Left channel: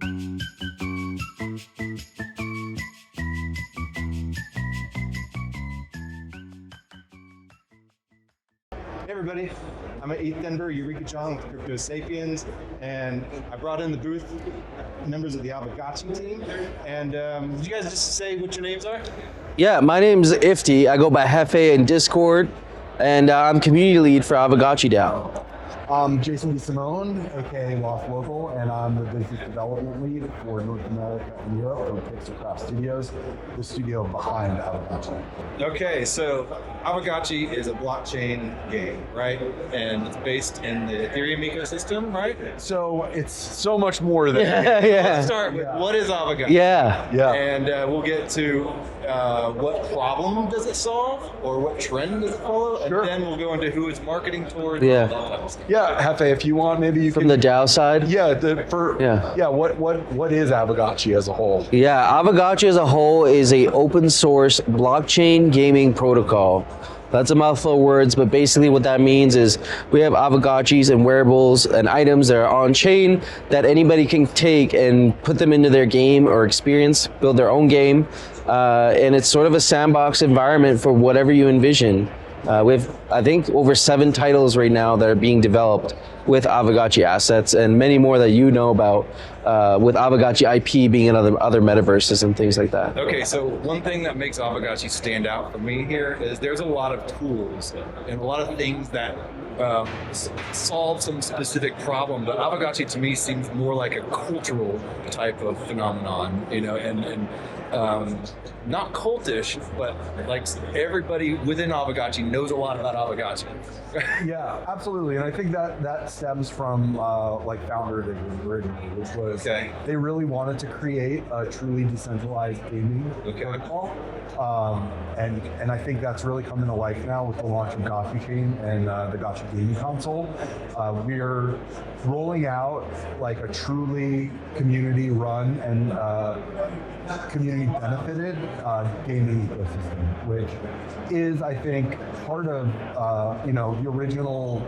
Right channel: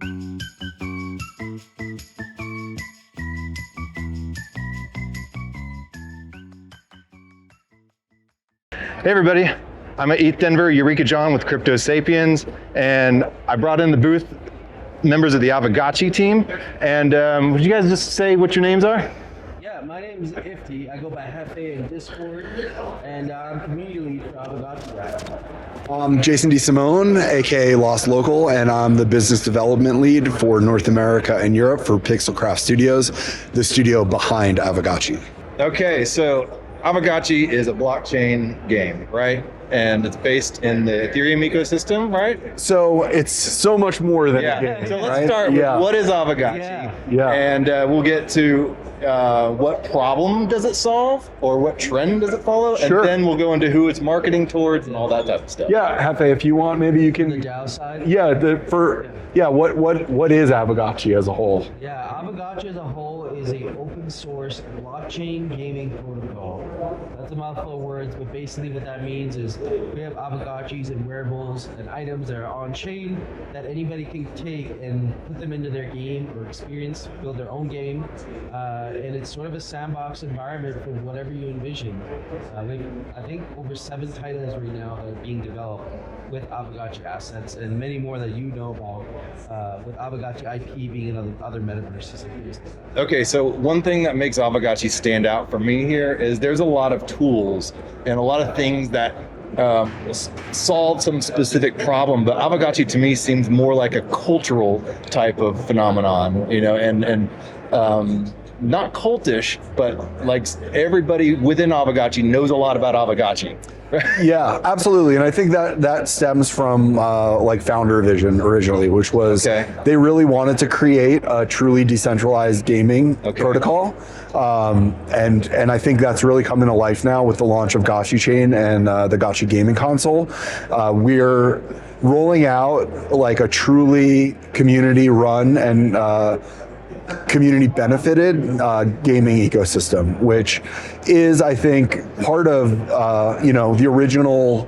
Hey everybody, I'm at ETH Denver, Eureka John with Crypto Sapiens, and I brought in the booth members of the Aavegotchi team. And would you guys just say what your names are? Yeah, my name's Ifti. I go by Hefe in Discord, and I'm community lead for Aavegotchi DAO. I'm Jason Desimone, aka Lost Local, and I'm the business development lead for North America and Europe for Pixelcraft Studios, the studio behind Aavegotchi. Okay, so Aavegotchi is a blockchain game, right? And it's based in the Ethereum ecosystem, right? So it's so much more than Let's start with what is Aavegotchi? And we'll get to what problem does it solve, or what trend does it follow, and then we'll go into who it's marketing towards, and all that type of stuff. Yeah, Hefe, if you want, maybe you From can. the DAO side? What is Aavegotchi as a whole? Yeah, Aavegotchi as a whole is a open source blockchain gaming protocol. That's a mouthful of words, but basically what that means is we have Aavegotchis and wearables and items that are on chain that anybody can take and put them into their game or experience, build their own game. And it's sort of a sandbox environment for whatever you envision. We have, I think, over 7 titles right now that are being developed with Aavegotchi assets, and many more that you know about, with Aavegotchi IP being in other metaverses and things like that. Okay, so one thing that makes Aavegotchi stand out for me here is there's a lot of tools and a lot of things that solve some specific problem, but Aavegotchi to me seems more like a cultural type of phenomenon, you know, and not cultish, but like everybody within Aavegotchi knows a lot about Aavegotchi. Yeah, absolutely, and I think that stems from like founder vision originally, which was they really wanted to create a truly decentralized gaming protocol, and I think that's really coming to life now with the launch of Gotchi Chain and the Gotchi gaming console. We're rolling out like a truly community-run and community benefited gaming ecosystem, which is, I think, part of the original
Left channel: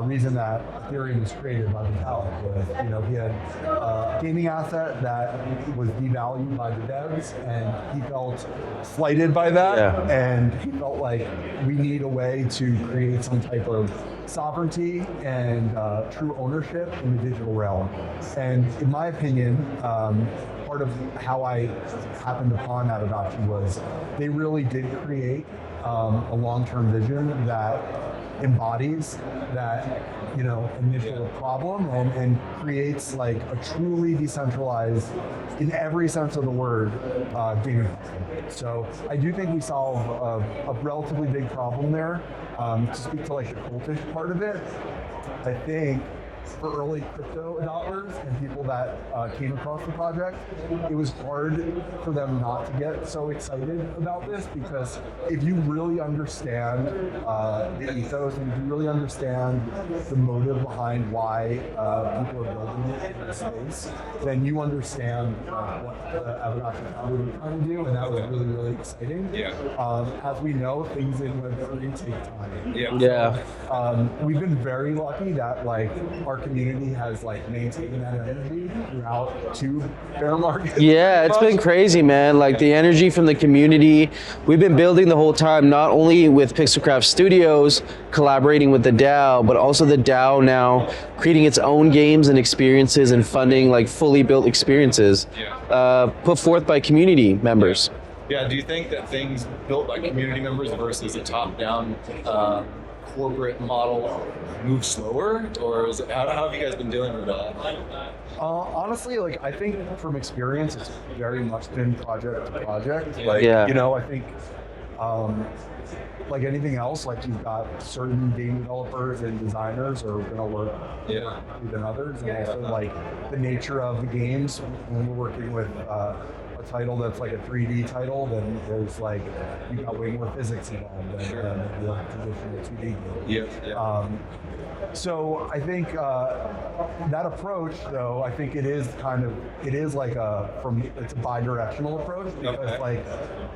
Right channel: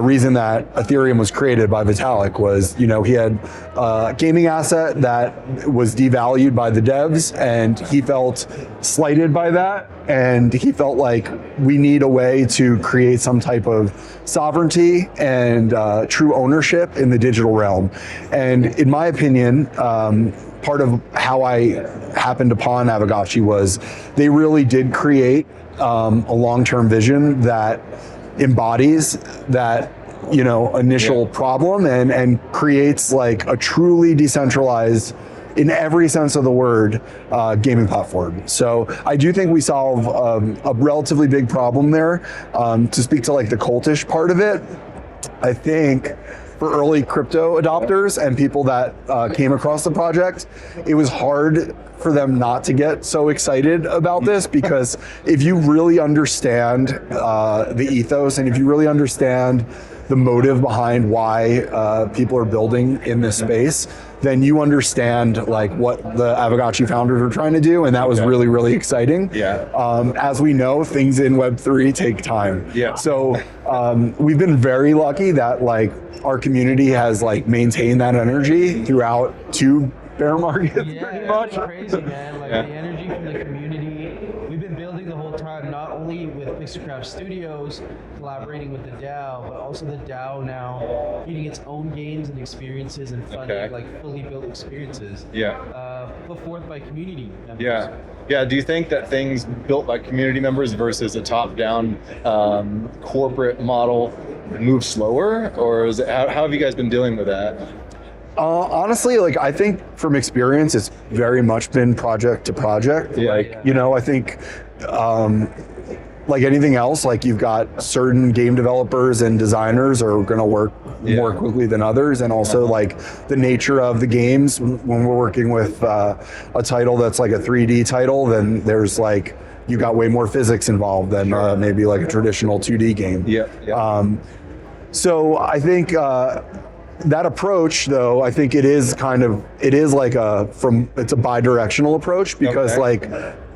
reason that Ethereum was created by Vitalik was, he had a gaming asset that was devalued by the devs, and he felt slighted by that, and he felt like we need a way to create some type of sovereignty and true ownership in the digital realm. And in my opinion, part of how I happened upon Aavegotchi was they really did create a long-term vision that embodies that initial problem and creates like a truly decentralized, in every sense of the word, gaming platform. So I do think we solve a relatively big problem there. To speak to like the cultish part of it, I think for early crypto adopters and people that came across the project, it was hard for them not to get so excited about this, because if you really understand the ethos and if you really understand the motive behind why people are building in this space, then you understand like what the Aavegotchi founders are trying to do, and that was really, really exciting. As we know, things in Web3 take time. So we've been very lucky that like our community has like maintained that energy throughout 2 bear markets. Yeah, it's been crazy, man. Like the energy from the community, we've been building the whole time, not only with Pixelcraft Studios, collaborating with the DAO, but also the DAO now creating its own games and experiences and funding like fully built experiences put forth by community members. Yeah, do you think that things built by community members versus a top-down corporate model move slower, or is it, how have you guys been dealing with that? Honestly, like I think from experience, it's very much been project to project. I think like anything else, like you've got certain game developers and designers are going to work more quickly than others, and also like the nature of the games. When we're working with a title that's like a 3D title, then there's like you got way more physics involved than maybe like a traditional 2D game. So I think that approach, though, I think it's a bi-directional approach, because like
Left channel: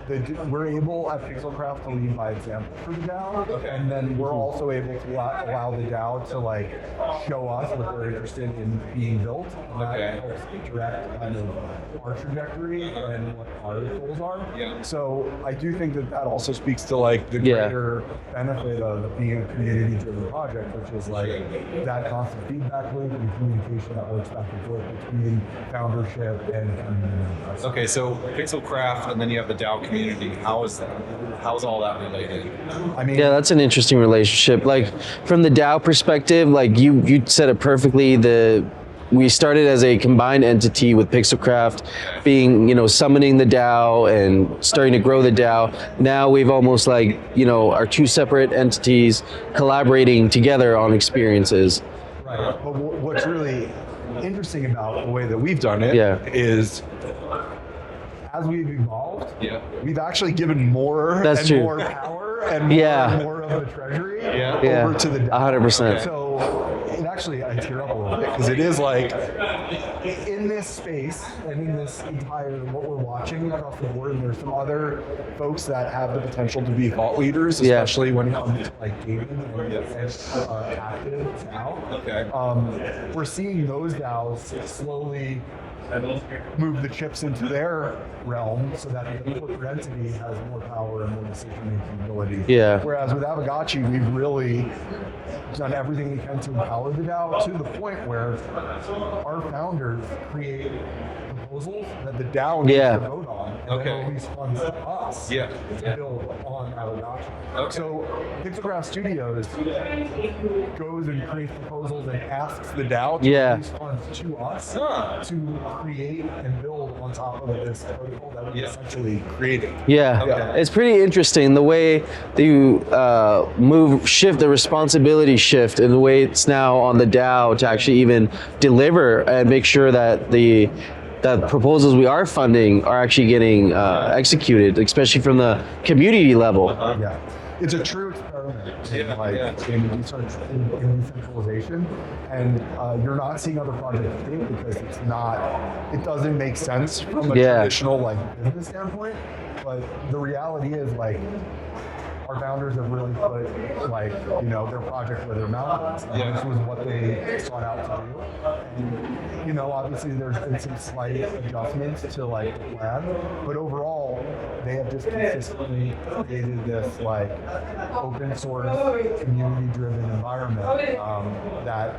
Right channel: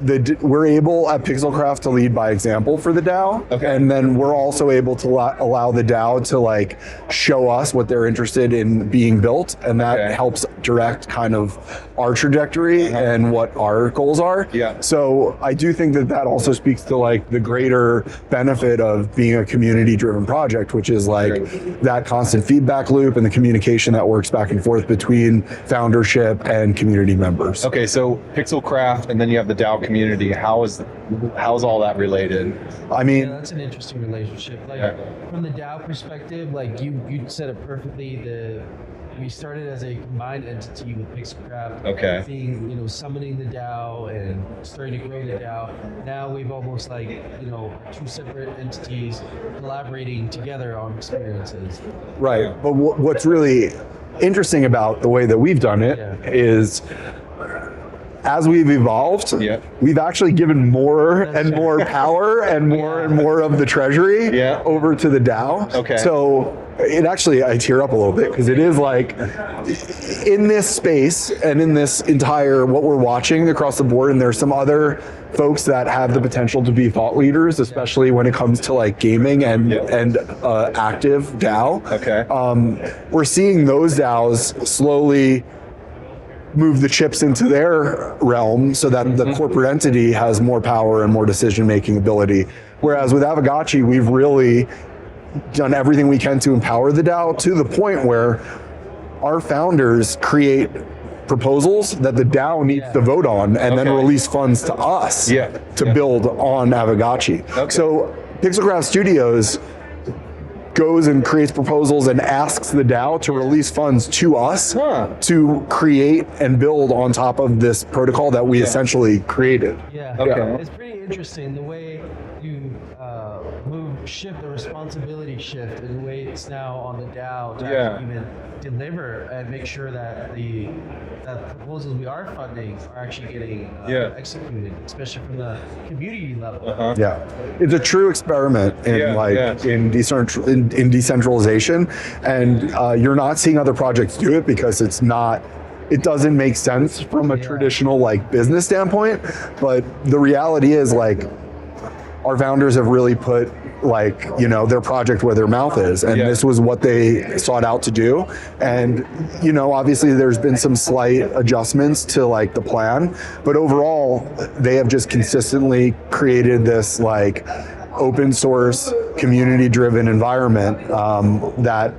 we're able at Pixelcraft to lead by example for the DAO, and then we're also able to allow the DAO to like show us what they're interested in being built, and that helps direct kind of our trajectory and what our goals are. So I do think that also speaks to like the greater benefit of being a community-driven project, which is like that constant feedback loop and the communication that works back and forth between foundership and community members. Okay, so Pixelcraft, and then you have the DAO community. How's all that related? I mean, yeah, that's an interesting relationship. Like from the DAO perspective, like you said it perfectly. We started as a combined entity with Pixelcraft being, summoning the DAO and starting to grow the DAO. Now we've almost like, our two separate entities collaborating together on experiences. Right, but what's really interesting about the way that we've done it is as we've evolved, we've actually given more more power and more of the treasury over to the DAO. 100%. So it actually, I tear up a little bit because it is like in this space and in this entire what we're watching across the board, and there's some other folks that have the potential to be thought leaders, especially when it comes to like gaming and active DAO. We're seeing those DAOs slowly move the chips into their realm so that the corporate entity has more power and more decision-making ability. Whereas with Aavegotchi, we've really done everything we can to empower the DAO to the point where our founders create proposals that the DAO needs to vote on and then release funds to us to build on Aavegotchi. So Pixelcraft Studios goes and creates proposals and asks the DAO to release funds to us to create and build on top of this protocol that we essentially created. It's pretty interesting the way you shift the responsibility shift in the way it's now on the DAO to actually even deliver and make sure that the proposals we are funding are actually getting executed, especially from the community level. It's a true experiment in decentralization, and you're not seeing other projects do it because it doesn't make sense from a traditional like business standpoint. But the reality is like our founders have really put like their project where their mouth is, and this was what they sought out to do. And obviously there's been some slight adjustments to like the plan, but overall they have just consistently created this like open source community driven environment that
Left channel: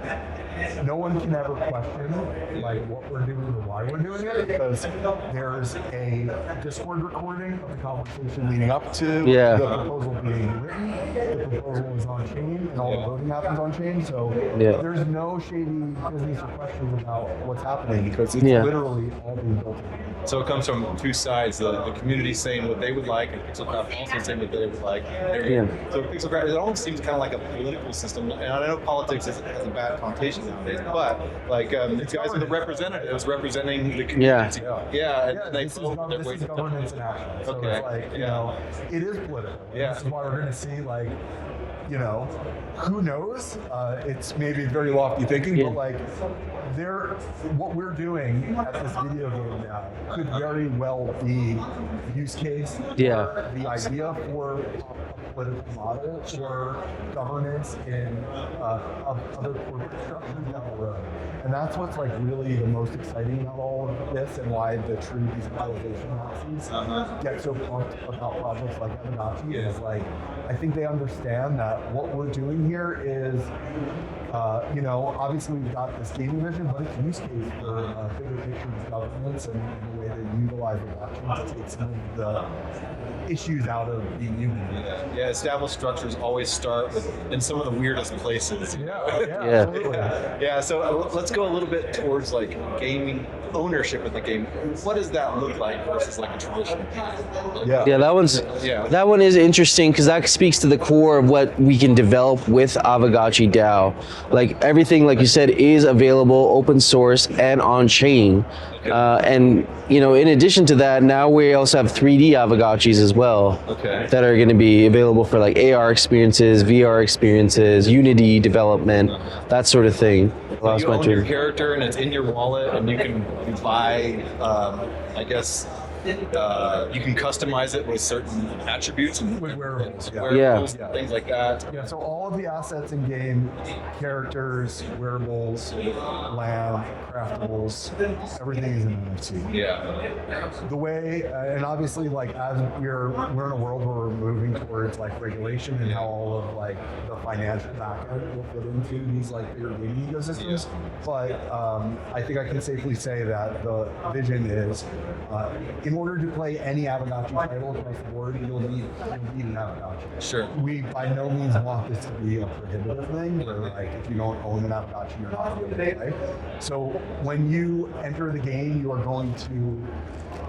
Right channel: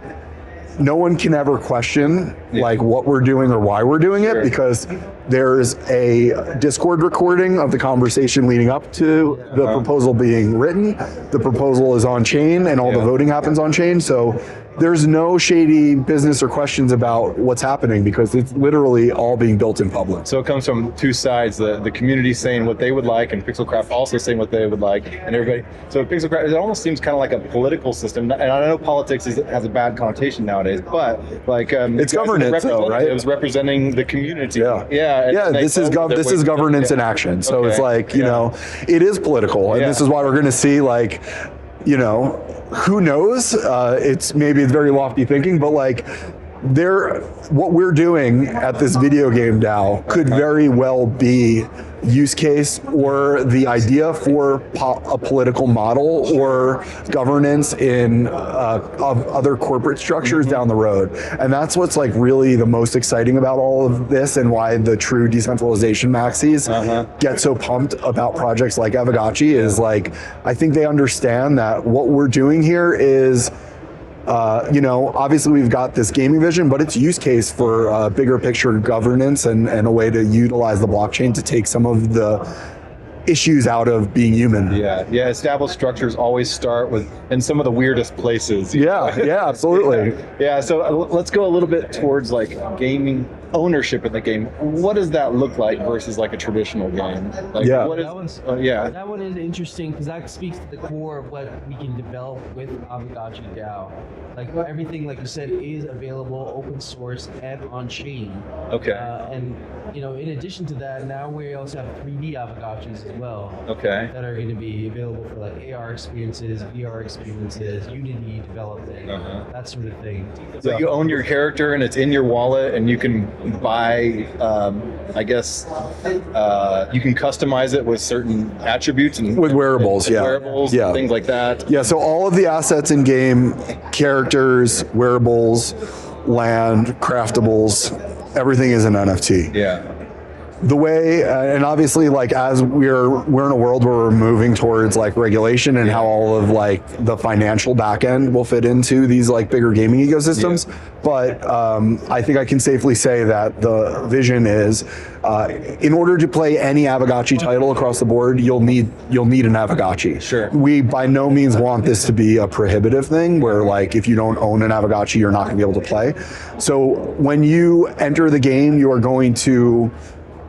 no one can ever question like what we're doing or why we're doing it, because there's a Discord recording of the conversation leading up to the proposal being written. The proposal is on chain and all the voting happens on chain. So there's no shady business or questions about what's happening because it's literally all being built in public. So it comes from two sides, the community saying what they would like and Pixelcraft also saying what they would like, and everybody. So Pixelcraft, it almost seems kind of like a political system, and I know politics has a bad connotation nowadays, but like it's governance, though, right? It was representing the community. This is governance in action. So it's like it is political, and this is why we're going to see like who knows? It's very lofty thinking, but like what we're doing at this video game DAO could very well be use case or the idea for a political model or governance in of other corporate structures down the road. And that's what's like really the most exciting about all of this, and why the true decentralization maxis get so pumped about projects like Aavegotchi is like, I think they understand that what we're doing here is obviously we've got this gaming vision, but it's use case for bigger picture governance and a way to utilize the blockchain to take some of the issues out of being human. Established structures always start in some of the weirdest places. Absolutely. So let's go a little bit towards like gaming ownership in the game. What does that look like versus like a traditional game? Like, that one is interesting because that speaks to the core of what we can develop with Aavegotchi DAO. Like everything, like you said, is available open source and on chain. And in addition to that, now we also have 3D Aavegotchis as well that are going to be available for like AR experiences, VR experiences, Unity development, that sort of thing. So That's you my own your dream. character and it's in your wallet, and you can buy, I guess, you can customize it with certain attributes and With wearables, yeah. wearables, Yeah. things like that. Yeah, so all of the assets in game, characters, wearables, land, craftables, everything is an NFT. Yeah. The way, and obviously, like as we're in a world where we're moving towards like regulation and how all of like the financial back end will fit into these like bigger gaming ecosystems. Yeah. But I think I can safely say that the vision is, in order to play any Aavegotchi title across the board, you'll need an Aavegotchi. Sure. We by no means want this to be a prohibitive thing where like if you don't own an Aavegotchi, you're not going to be able to play. So when you enter the game, you are going to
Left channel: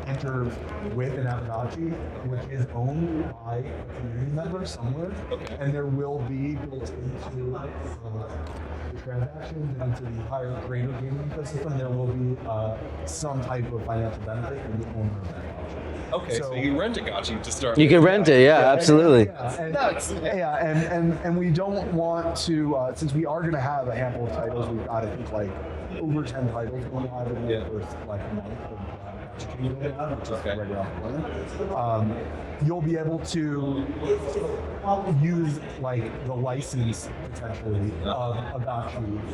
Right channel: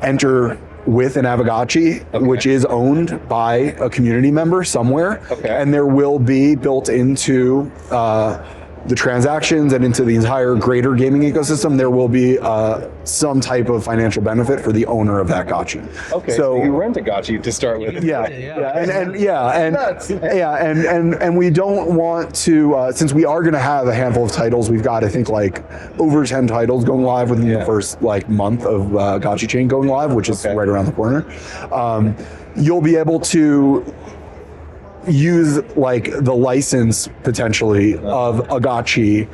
enter with an Aavegotchi, which is owned by a community member somewhere, and there will be built into the transactions and into the entire greater gaming ecosystem, there will be some type of financial benefit for the owner of that gotchi. Okay, so you rent a gotchi to start You with. can rent it, yeah, absolutely. And we don't want to, since we are going to have a handful of titles, we've got I think like over 10 titles going live within the first like month of Gotchi Chain going live, which is right around the corner. You'll be able to use like the license potentially of a gotchi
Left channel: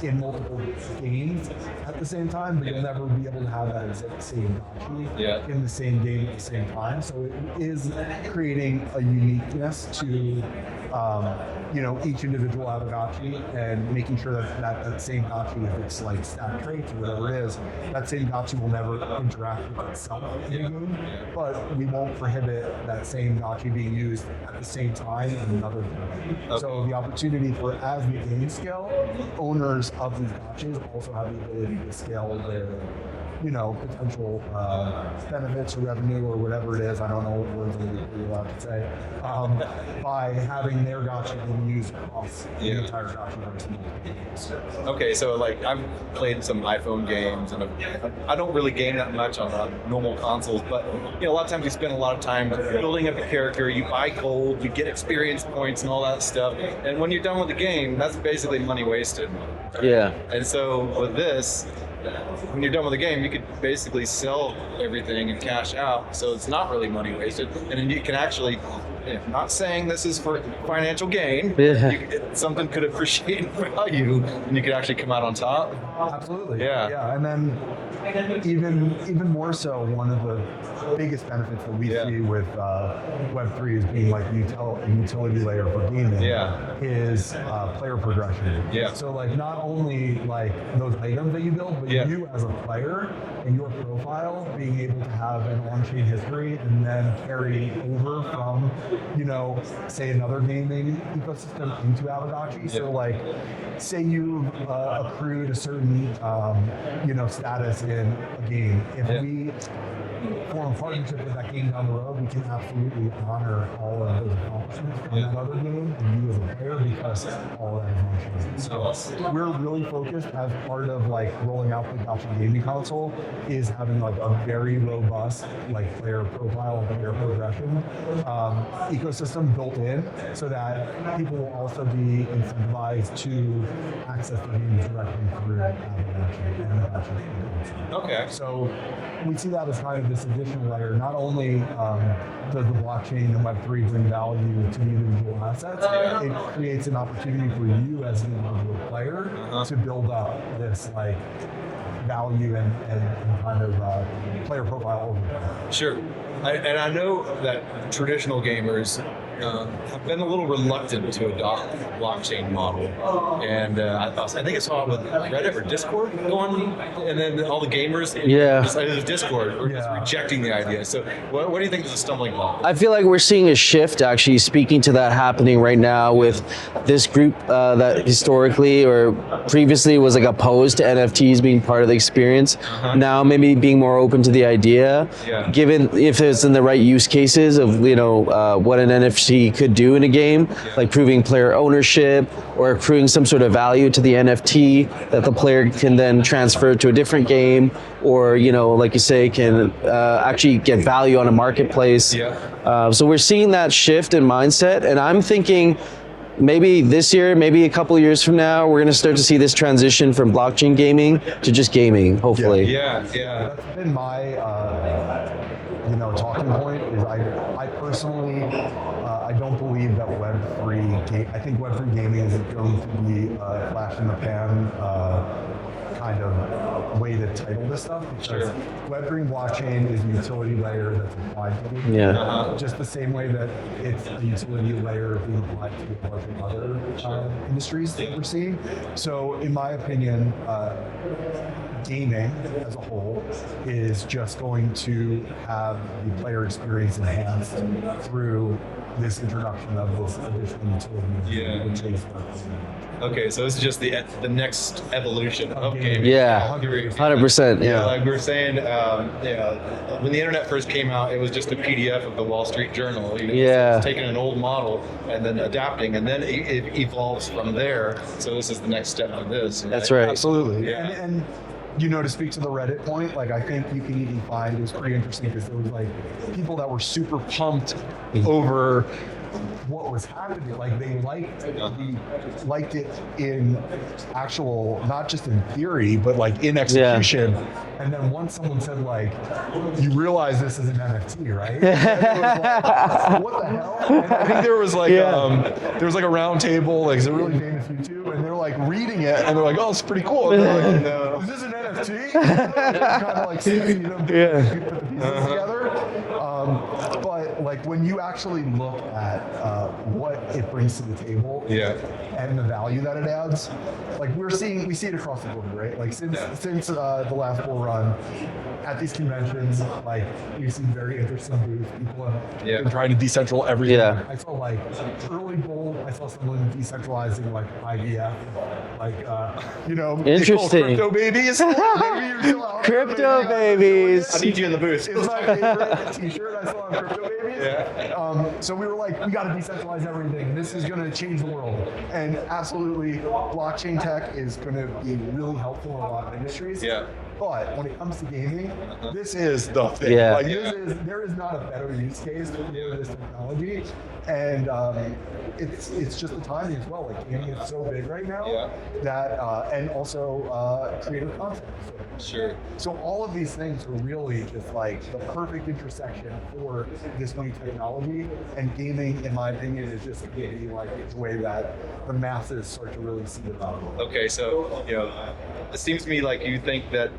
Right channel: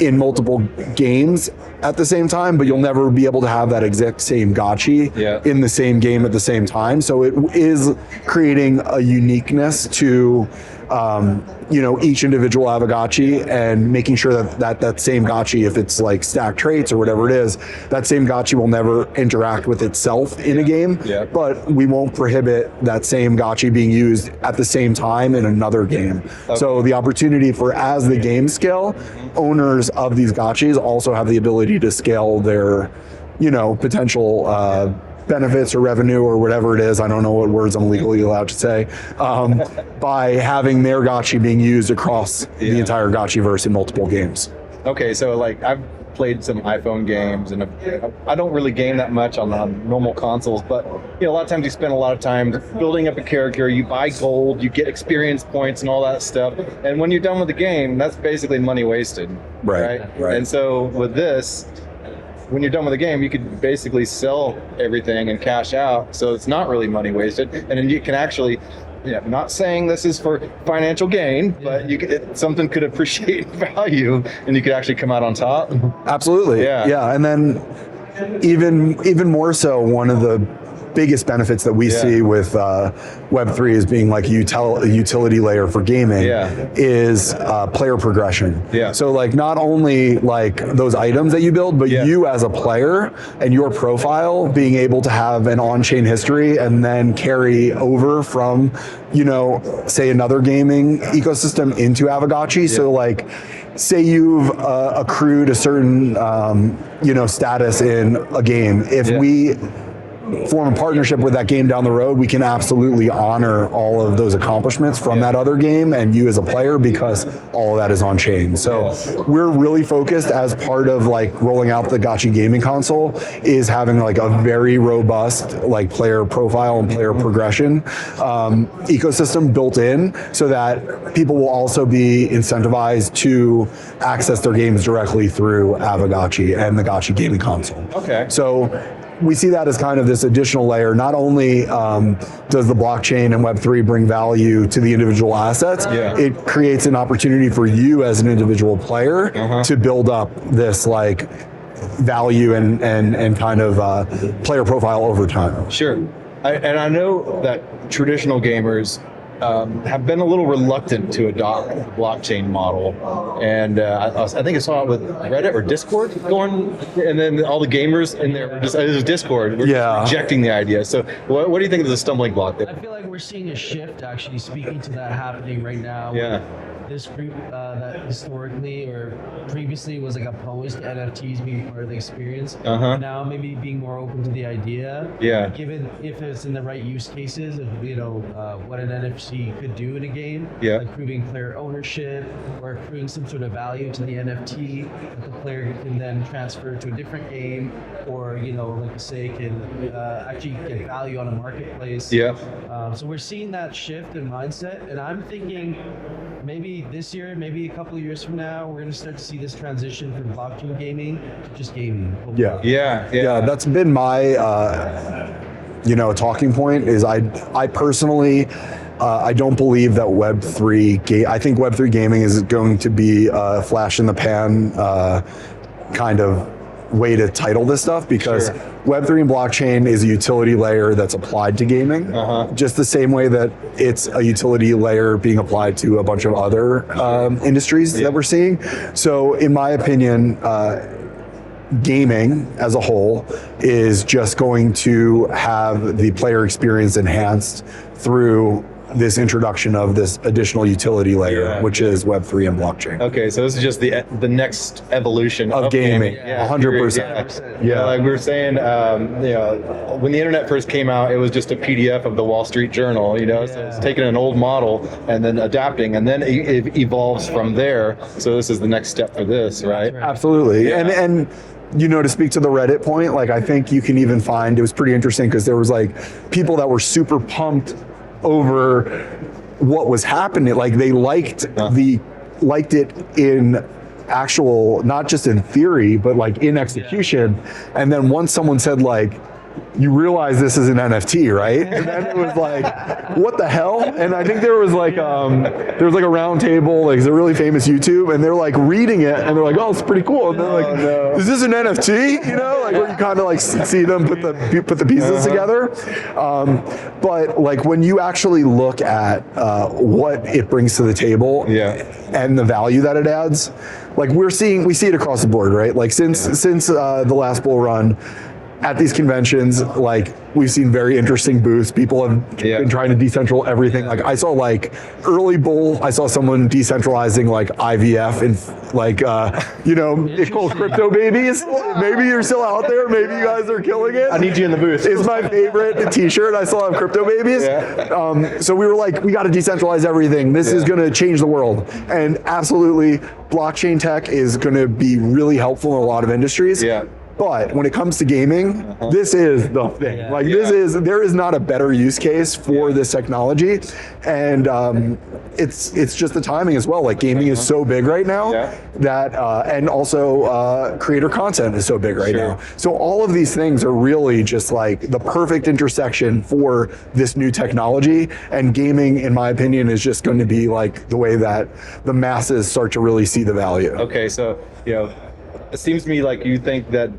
in multiple games at the same time, but you'll never be able to have that exact same gotchi in the same game at the same time. So it is creating a uniqueness to each individual Aavegotchi and making sure that same gotchi, if it's like stacked traits or whatever it is, that same gotchi will never interact with itself in a game, but we won't prohibit that same gotchi being used at the same time in another game. So the opportunity for, as the game scale, owners of these gotchis also have the ability to scale their, potential benefits or revenue or whatever it is, I don't know what words I'm legally allowed to say, by having their gotchi being used across the entire gotchiverse in multiple games. Okay, so like I've played some iPhone games, and I don't really game that much on normal consoles, but a lot of times you spend a lot of time building up a character, you buy gold, you get experience points and all that stuff, and when you're done with the game, that's basically money wasted. Right. Yeah. Right. And so with this, when you're done with the game, you could basically sell everything and cash out, so it's not really money wasted, and then you can actually, not saying this is for financial gain, but something could appreciate in value, and you could actually come out on top. Absolutely. Yeah. And then even more so, one of the biggest benefits that we see with Web3 as being like a utility layer for gaming is player progression. So like not only like those items that you build, but you as a player and your profile being able to have an on-chain history and then carry over from, say another gaming ecosystem into Aavegotchi. So like, say you've accrued a certain, status in a game. If we form a partnership with that game down the road, we can absolutely honor all of those accomplishments from that other game and you as a player, because all of that is on chain. So we're really focused, as part of like rolling out the Gotchi gaming console, is having like a very robust like player profile and player progression ecosystem built in, so that people will also be incentivized to access their games directly through Aavegotchi and the Gotchi gaming console. So we see that as kind of this additional layer. Not only does the blockchain and Web3 bring value to the individual assets, it creates an opportunity for you as an individual player to build up this like value and kind of player profile over time. Sure. And I know that traditional gamers have been a little reluctant to adopt the blockchain model, and I think I saw it with Reddit or Discord going, and then all the gamers, and it was Discord, were just rejecting the idea. So what do you think is the stumbling block there? I feel like we're seeing a shift, actually, speaking to that happening right now with this group that historically or previously was like opposed to NFTs being part of the experience. Now maybe being more open to the idea, given if it's in the right use cases of what an NFT could do in a game, like proving player ownership or accruing some sort of value to the NFT that the player can then transfer to a different game, or like you say, can actually get value on a marketplace. So we're seeing that shift in mindset, and I'm thinking maybe this year, maybe a couple of years from now, we're going to start to see this transition from blockchain gaming to just gaming, hopefully. Yeah. That's been my talking point. Is I personally. I don't believe that Web3. I think Web3 gaming is going to be a flash in the pan kind of way to title this stuff, because Web3 and blockchain is a utility layer that's applied to gaming, just the same way that it's a utility layer being applied to a bunch of other industries that we're seeing. So, in my opinion, gaming as a whole is just going to have the player experience enhanced through this introduction of this additional utility layer, which is Web3 and blockchain. Okay, so this is just the next evolution of gaming. Yeah, 100%. Yeah, like we were saying, when the internet first came out, it was just a PDF of the Wall Street Journal. So it's taking an old model and then adapting, and then it evolves from there. So this is the next step for this, right? That's right. Absolutely. Yeah. And to speak to the Reddit point, like I think you can even find, it was pretty interesting because there was like people that were super pumped over what was happening. Like they liked it in actual, not just in theory, but like in execution. And then once someone said like, you realize this is an NFT, right? And then it was like, what the hell? And I think there was like a round table, like it's a really famous YouTube, and they're like reading it, and they're like, oh, it's pretty cool. And they're like, is this an NFT? Like when you kind of like see them put the pieces together. But like when you actually look at what it brings to the table and the value that it adds, like we see it across the board, right? Like since the last bull run, at these conventions, like we've seen very interesting booths. People have been trying to decentralize everything. Like I saw like early bull, I saw someone decentralizing like IVF and like it's called crypto babies. Maybe you're still out there. Maybe you guys are killing it. I need you in the booth. It's my favorite T-shirt. I still have crypto babies. So we were like, we got to decentralize everything. This is going to change the world, and absolutely, blockchain tech is going to be really helpful in a lot of industries. But when it comes to gaming, this is the thing. There is not a better use case for this technology, and it's just the timing as well. Like gaming is so big right now that, and also creator content is so big right now. So all of these things are really just like the perfect intersection for this new technology. And gaming, in my opinion, is just going to be like the way that the masses start to really see the value. Okay, so it seems to me like you think that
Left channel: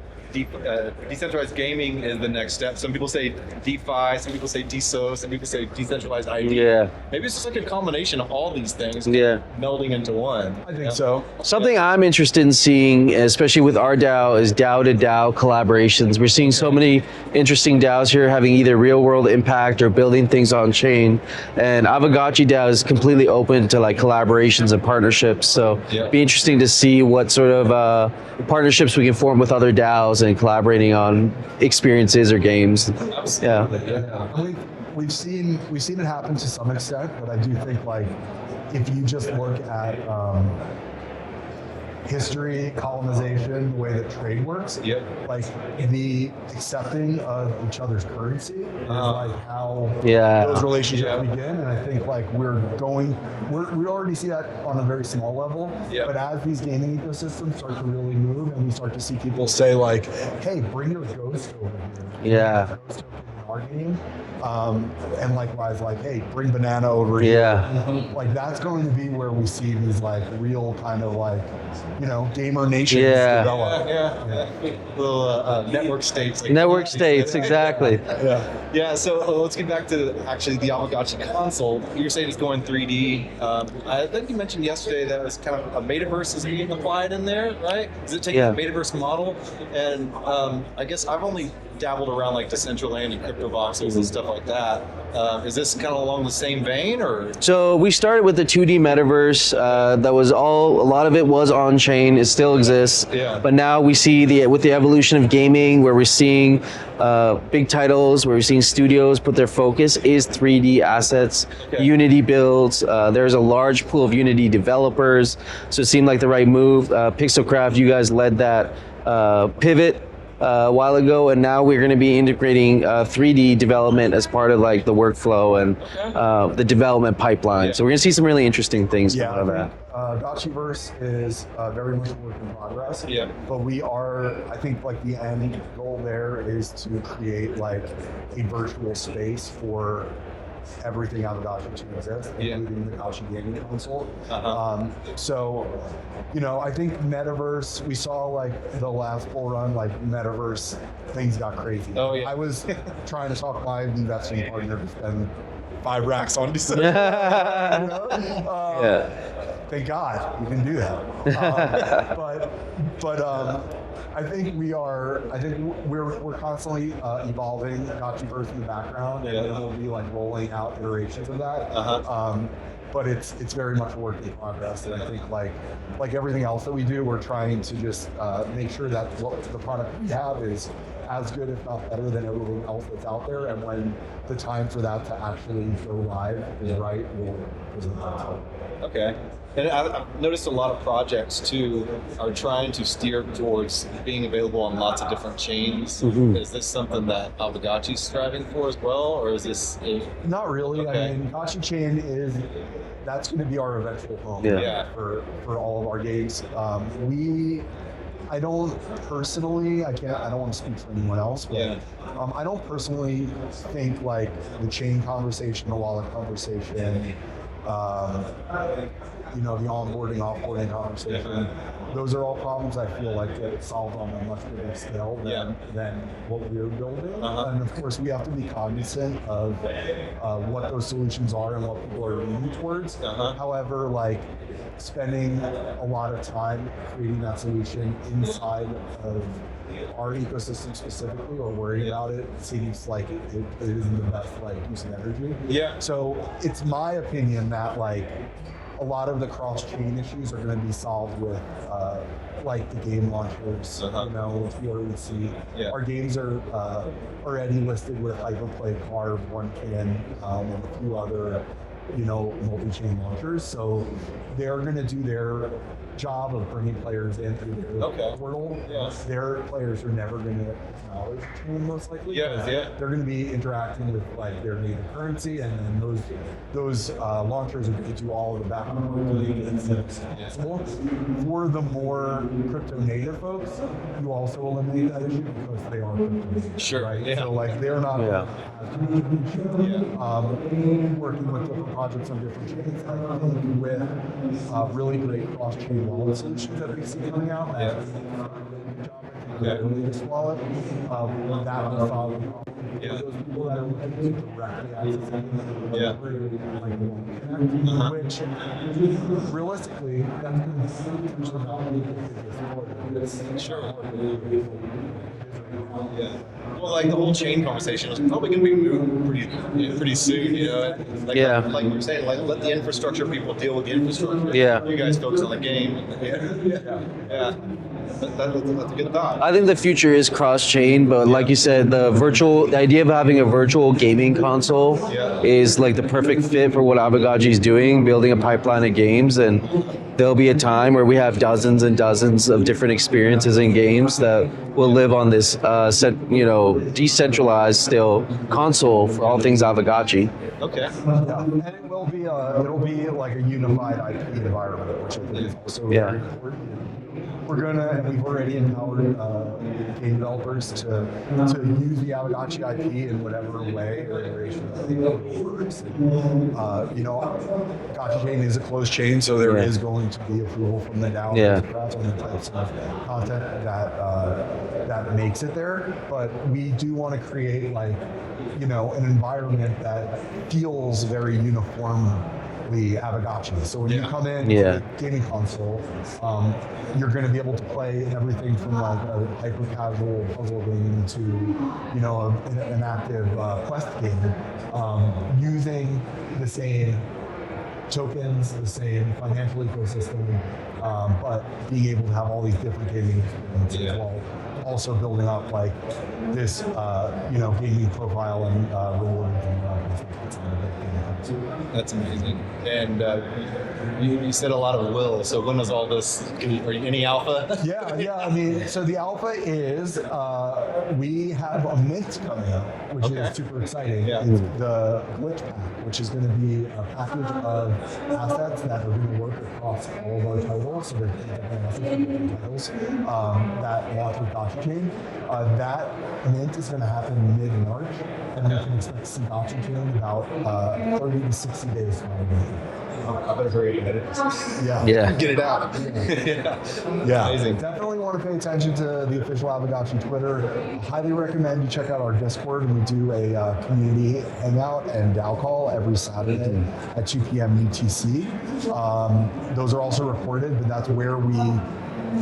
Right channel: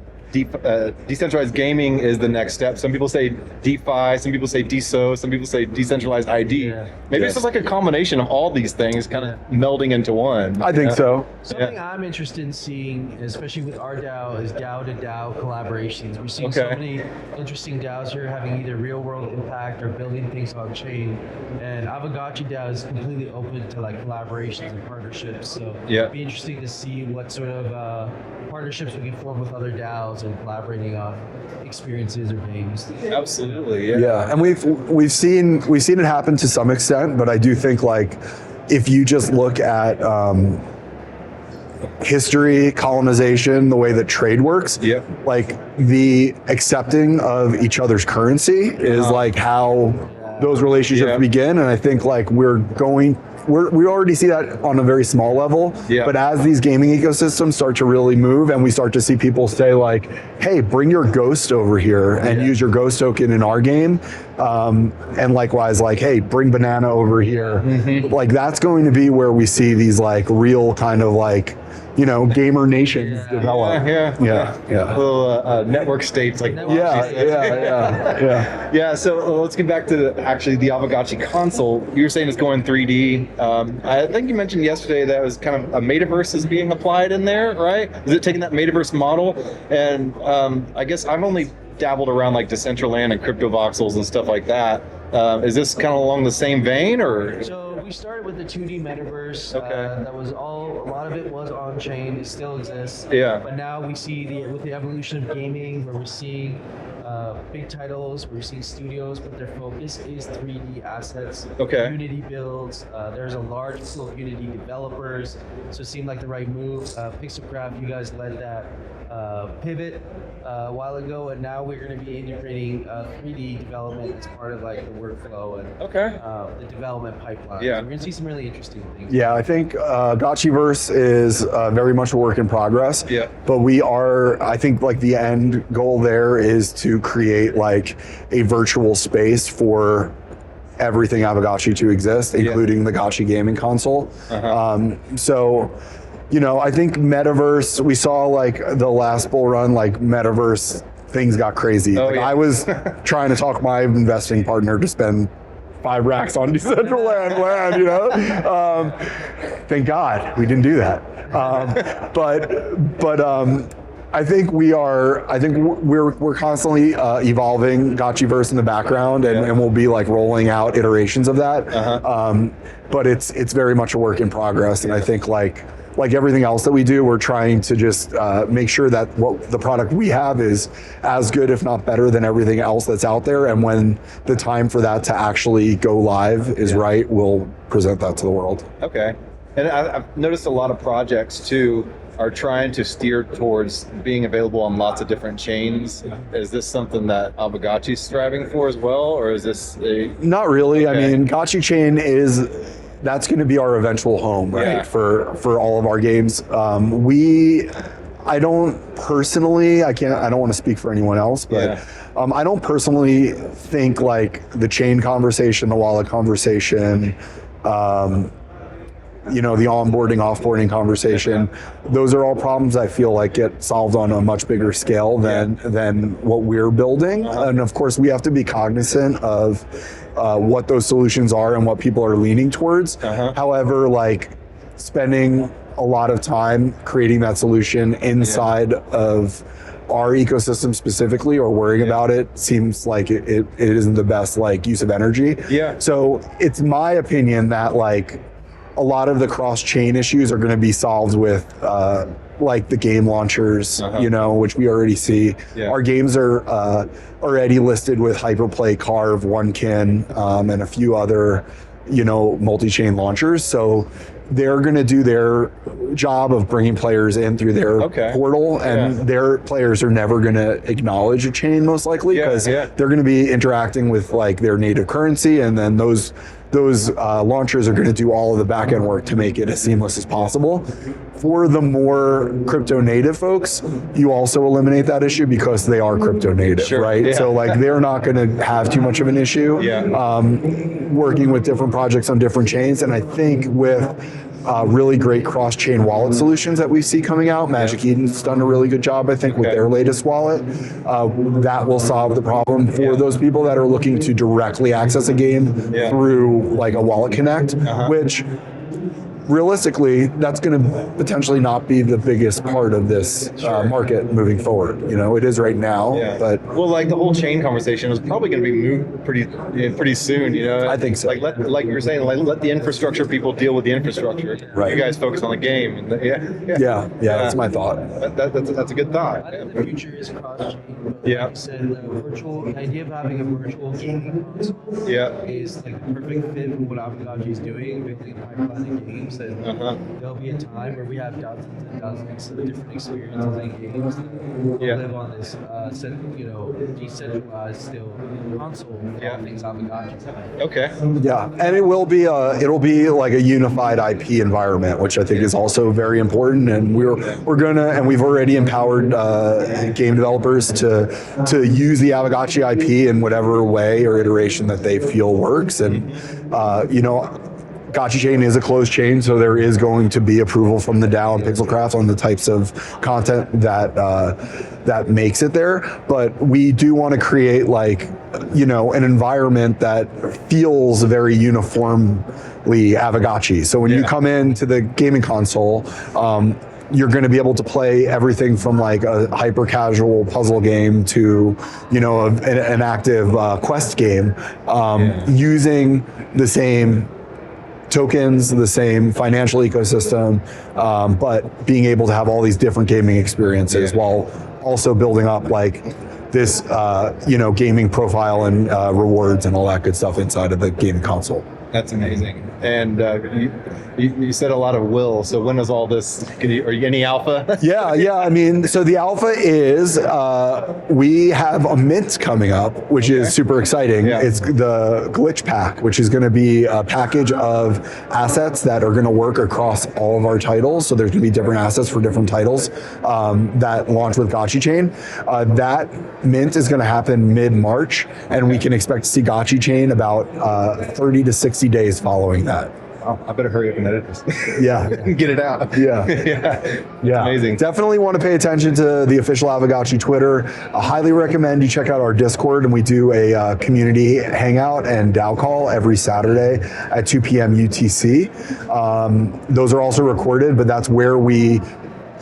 decentralized gaming is the next step. Some people say DeFi, some people say DeSo, some people say decentralized ID. Maybe it's just like a combination of all these things kind of melding into one. I think so. Something I'm interested in seeing, especially with our DAO, is DAO to DAO collaborations. We're seeing so many interesting DAOs here having either real world impact or building things on chain. And Aavegotchi DAO is completely open to like collaborations and partnerships. So it'd be interesting to see what sort of partnerships we can form with other DAOs and collaborating on experiences or games. Absolutely. And we've seen it happen to some extent, but I do think like if you just look at history, colonization, the way that trade works, like the accepting of each other's currency is like how those relationships begin. And I think like we already see that on a very small level, but as these gaming ecosystems start to really move and we start to see people say like, hey, bring your ghost over here and use your ghost token in our game, and likewise like, hey, bring banana over here. Like that's going to be where we see these like real kind of like, gamer nations develop. Little network states. Like network states, exactly. So let's get back to actually the Aavegotchi console. You were saying it's going 3D. I think you mentioned yesterday that it was kind of a metaverse is being applied in there, right? Is it taking that metaverse model? And I guess I've only dabbled around like Decentraland and crypto voxels and stuff like that. Is this kind of along the same vein, or? So we started with the 2D metaverse. That was a lot of it was on chain. It still exists. But now we see with the evolution of gaming, where we're seeing big titles, where we're seeing studios put their focus is 3D assets, Unity builds. There's a large pool of Unity developers, so it seemed like the right move. Pixelcraft, you guys led that pivot a while ago, and now we're going to be integrating 3D development as part of like the workflow and the development pipeline. Yeah. So we're going to see some really interesting things. Yeah, I think Gotchiverse is very much a work in progress. Yeah. But I think like the end goal there is to create like a virtual space for everything Aavegotchi to exist, including the Gotchi gaming console. So, you know, I think Metaverse, we saw like the last bull run, like Metaverse, things got crazy. I was trying to talk my investing partner to spend 5 racks on Decentraland land, you know? Thank God we didn't do that. I think we're constantly evolving Gotchiverse in the background, and we'll be like rolling out iterations of that. But it's very much a work in progress, and I think like everything else that we do, we're trying to just make sure that what the product we have is as good, if not better, than everything else that's out there. And when the time for that to actually go live is right, we'll present that to the world. Okay. And I've noticed a lot of projects too are trying to steer towards being available on lots of different chains. Is this something that Aavegotchi's striving for as well, or is this Not really. I mean, Gotchi Chain that's going to be our eventual home, right? For all of our games. I don't personally, I don't want to speak for anyone else, but I don't personally think like the chain conversation, the wallet conversation, you know, the onboarding, offboarding conversation, those are all problems I feel like get solved on a much bigger scale than what we're building. And of course, we have to be cognizant of what those solutions are and what people are leaning towards. However, like spending a lot of time creating that solution inside of our ecosystem specifically, or worrying about it, seems like it isn't the best like use of energy. So it's my opinion that like a lot of the cross-chain issues are going to be solved with like the game launchers, you know, which we already see. Our games are already listed with Hyperplay, Carve, OneKin, and a few other, you know, multi-chain launchers. So they're going to do their job of bringing players in through their portal, and their players are never going to acknowledge a chain most likely, because they're going to be interacting with like their native currency, and then those launchers are going to do all of the back end work to make it as seamless as possible. For the more crypto native folks, you also eliminate that issue because they are crypto native, right? So like they're not going to have too much of an issue working with different projects on different chains. And I think with really great cross-chain wallet solutions that we see coming out, Magic Eden's done a really good job, I think, with their latest wallet. That will solve the problem for those people that are looking to directly access a game through like a wallet connect, which realistically, that's going to potentially not be the biggest part of this market moving forward. You know, it is right now, but well, like the whole chain conversation is probably going to be moved pretty soon. You know, I think so. Like you were saying, like let the infrastructure people deal with the infrastructure. You guys focus on the game. And that's my thought. That's a good thought. I think the future is cross-chain, but like you said, the idea of having a virtual gaming console is like the perfect fit for what Aavegotchi is doing, building a pipeline of games. And there'll be a time where we have dozens and dozens of different experiences in games that will live on this, decentralized still console for all things Aavegotchi. Yeah, and it'll be like a unified IP environment, which I think is also very important. And we're gonna, and we've already empowered game developers to use the Aavegotchi IP in whatever way or iteration that they feel works. And Gotchi Chain is a closed chain, so there is going to be approval from the DAO and Pixelcraft on the types of content that makes it there. But we do want to create an environment that feels very uniformly Aavegotchi. So when you come into the gaming console, you're going to be able to play everything from like a hyper casual puzzle game to, an active quest game, using the same tokens, the same financial ecosystem, but being able to have all these different gaming experiences while also building up like this, gaming profile and rewards and all that good stuff inside of the gaming console. That's amazing. And you said a lot of will. So when is all this? Are you any alpha? Yeah. I mean, so the alpha is we have a mint coming up, which is super exciting. Yeah. It's the glitch pack, which is going to be a package of assets that are going to work across all of our titles. So there's going to be different assets for different titles that launch with Gotchi Chain. That mint is going to happen mid-March, and we can expect to see Gotchi Chain about 30 to 60 days following that. Oh, I better hurry up and edit this. Yeah. Get it out. Yeah. Yeah. Amazing. Definitely want to pay attention to the official Aavegotchi Twitter. I highly recommend you check out our Discord, and we do a community hangout and DAO call every Saturday at 2 p.m. UTC. Those are also recorded, but that's where we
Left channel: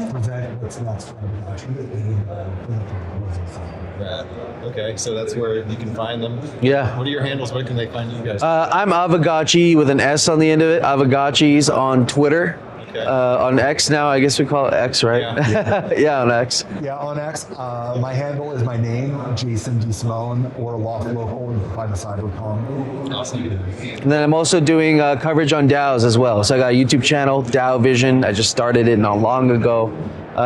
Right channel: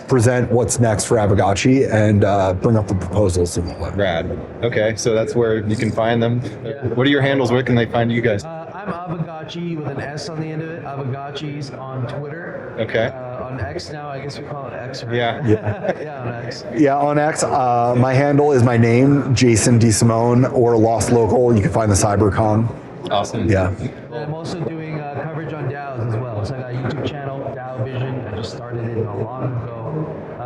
present what's next for Aavegotchi and bring up the proposals and all that. Rad. Okay, so that's where you can find them. Yeah. What are your handles? Where can they find you guys? I'm Aavegotchi with an S on the end of it. Aavegotchi's on Twitter. Okay. On X now, I guess we call it X, right? Yeah. Yeah, on X. Yeah, on X, my handle is my name, Jason Desimone, or Lost Local. You can find the CyberCon. Awesome. Yeah. And then I'm also doing coverage on DAOs as well. So I got a YouTube channel, DAO Vision. I just started it not long ago.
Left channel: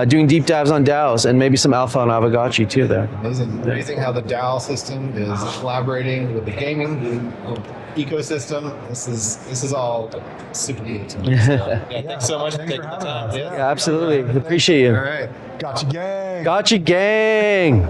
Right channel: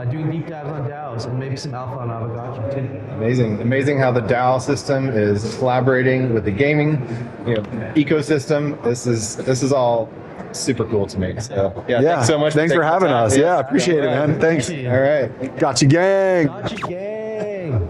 Doing deep dives on DAOs and maybe some alpha on Aavegotchi too there. Amazing how the DAO system is collaborating with the gaming ecosystem. This is all super cool to me. So, yeah, thanks so much. Thanks for having us. Yeah, appreciate it, man. Thanks. Appreciate you. All right. Gotchi gang. Gotchi gang.